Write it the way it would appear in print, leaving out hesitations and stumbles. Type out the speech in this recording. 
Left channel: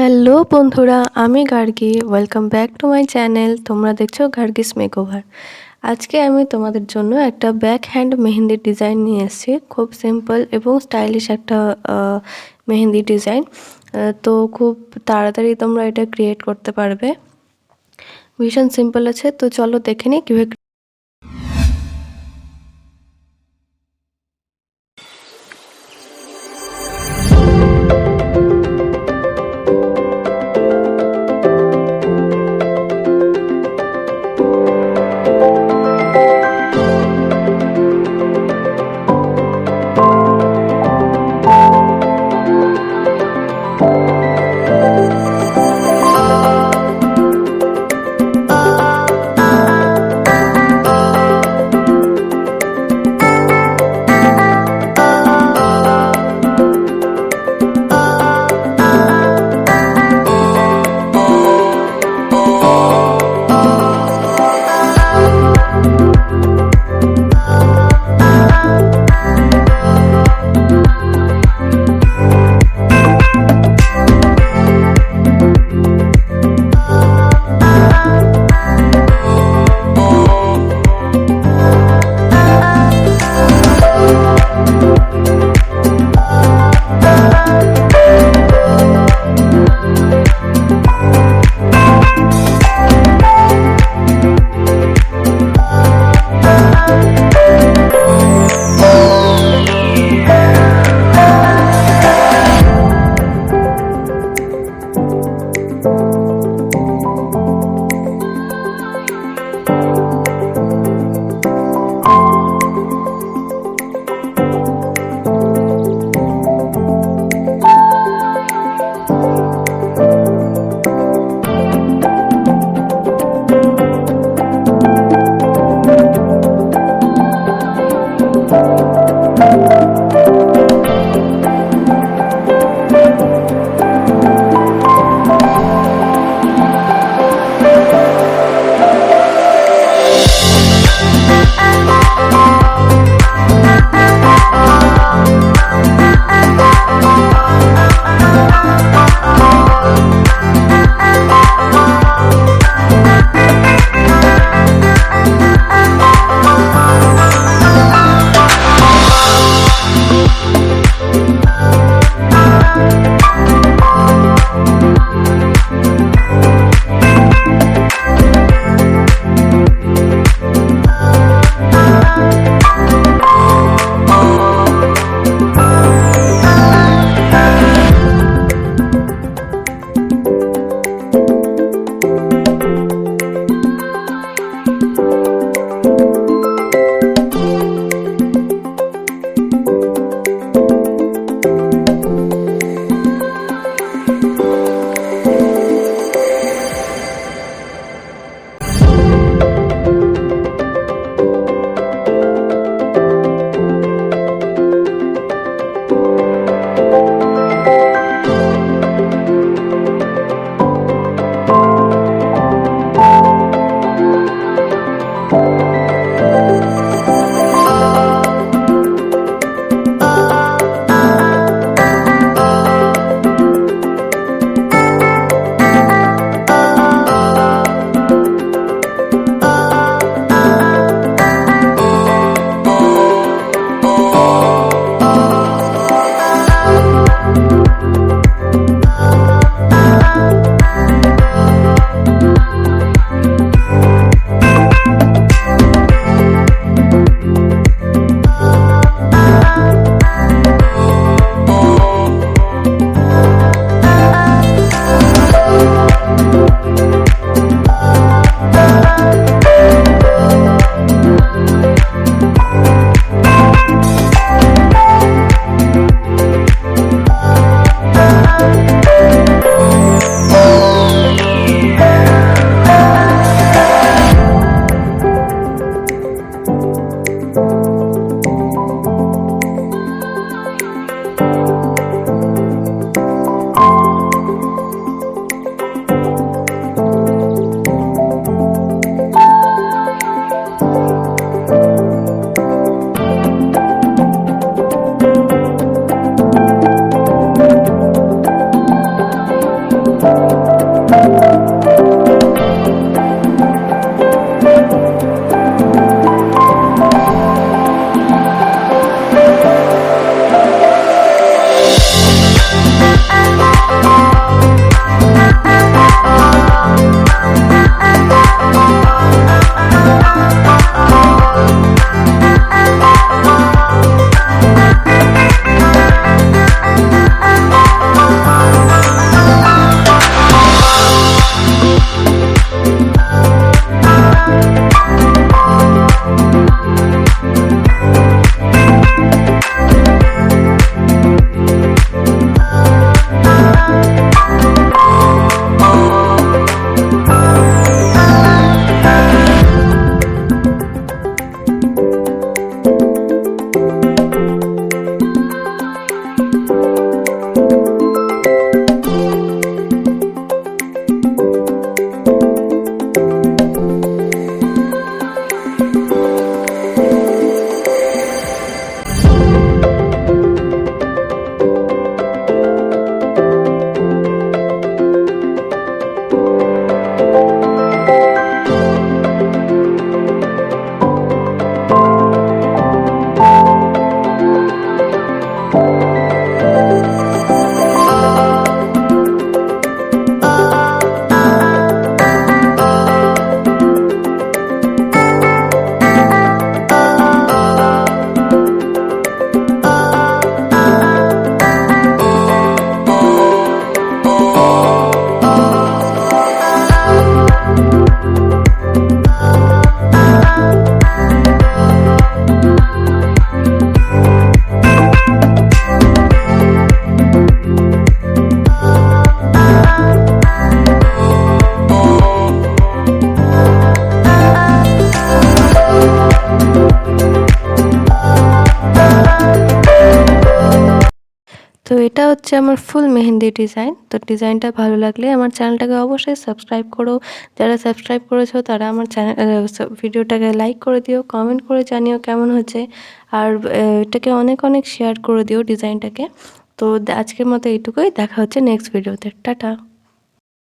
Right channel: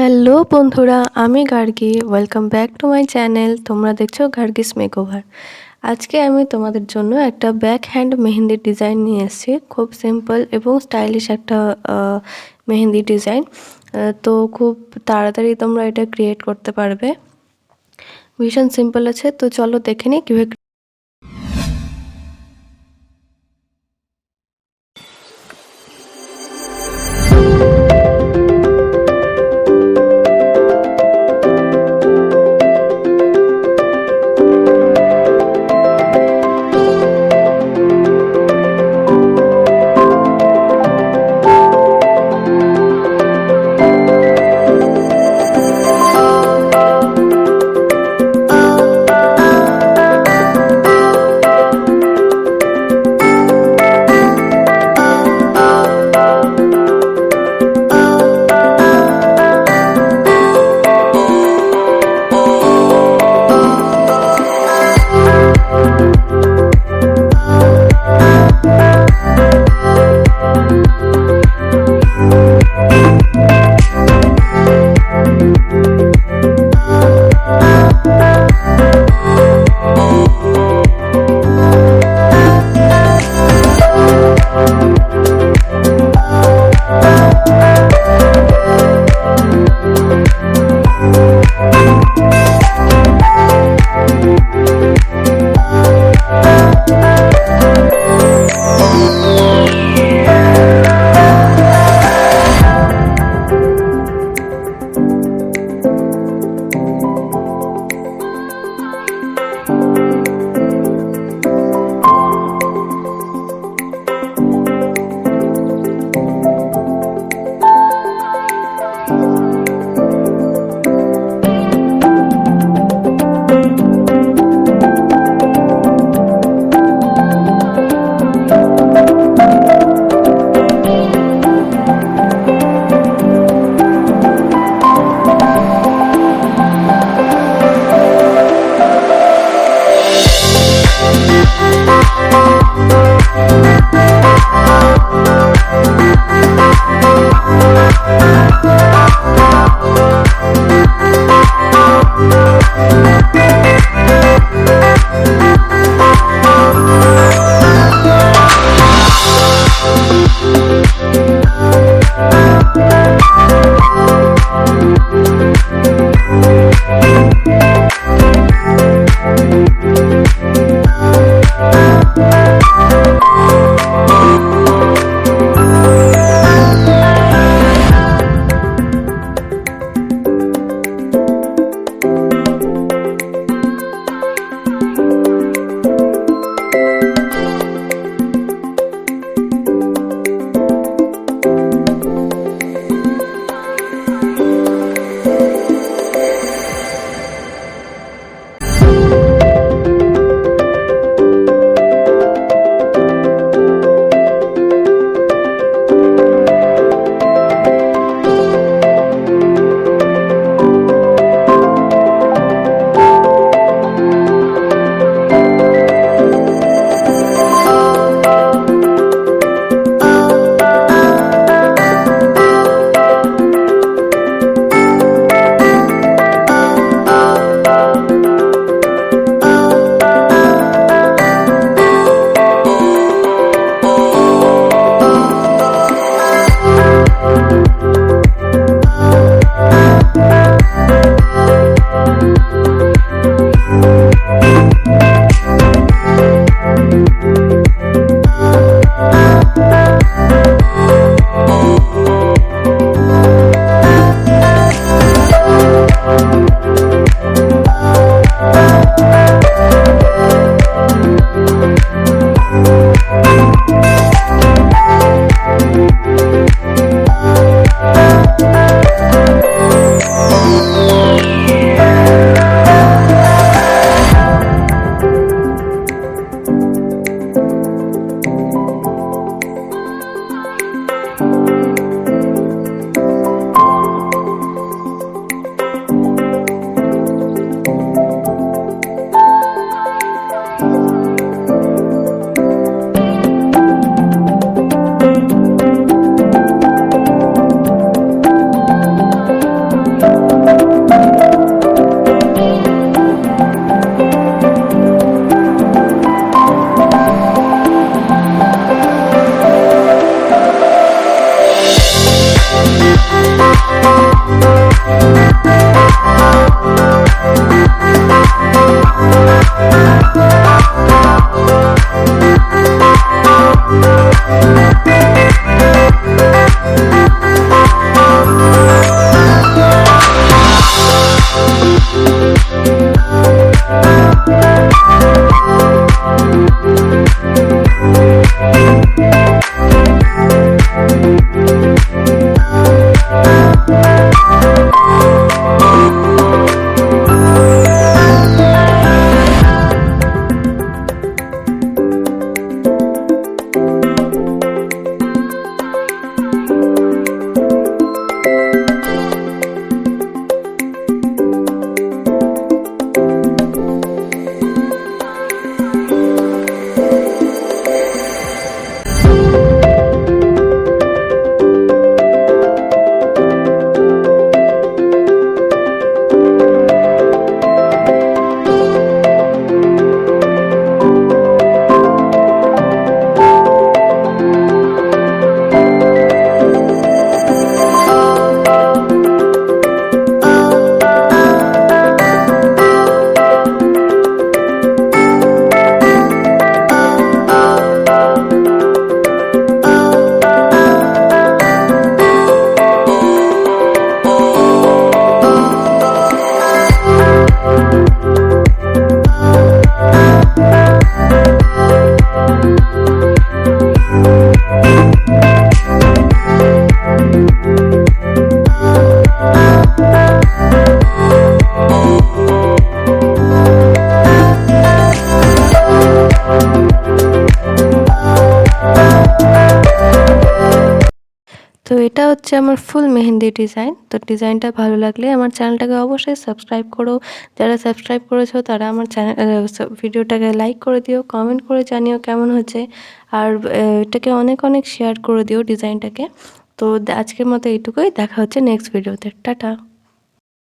Hello বন্ধুরা, আমি Gargi. Welcome back to my channel. তোমরা দেখছো গার্গিস মেকওভার। আজকে আমি তোমাদের জন্য একটা ব্যাক হ্যান্ড মেহেন্দির ডিজাইন নিয়ে এসেছি। খুব সিম্পল এবং স্টাইলিশ একটা মেহেন্দি ডিজাইন। তো খুব তাড়াতাড়ি তোমরা এটা ক্রিয়েট করতে পারবে। ভীষণ সিম্পল আছে, তো চলো দেখে নিই কীভাবে। তো এটা হচ্ছে আমার ফুল মেহেন্দি ডিজাইন। তো ডিজাইনটা ভালো লাগলে আমার চ্যানেলটাকে অবশ্যই সাবস্ক্রাইব করো। যারা সাবস্ক্রাইব করেছো তারা আমার ভিডিওটাকে লাইক করে দিও, কমেন্ট করে জানিও কেমন হয়েছে। আর এটাকে অনেক অনেক শেয়ার করে দিও ডিজাইনটাকে। তো আজকের মতো এইটুকুই, দেখা হচ্ছে নেক্সট ভিডিওতে। টাটা।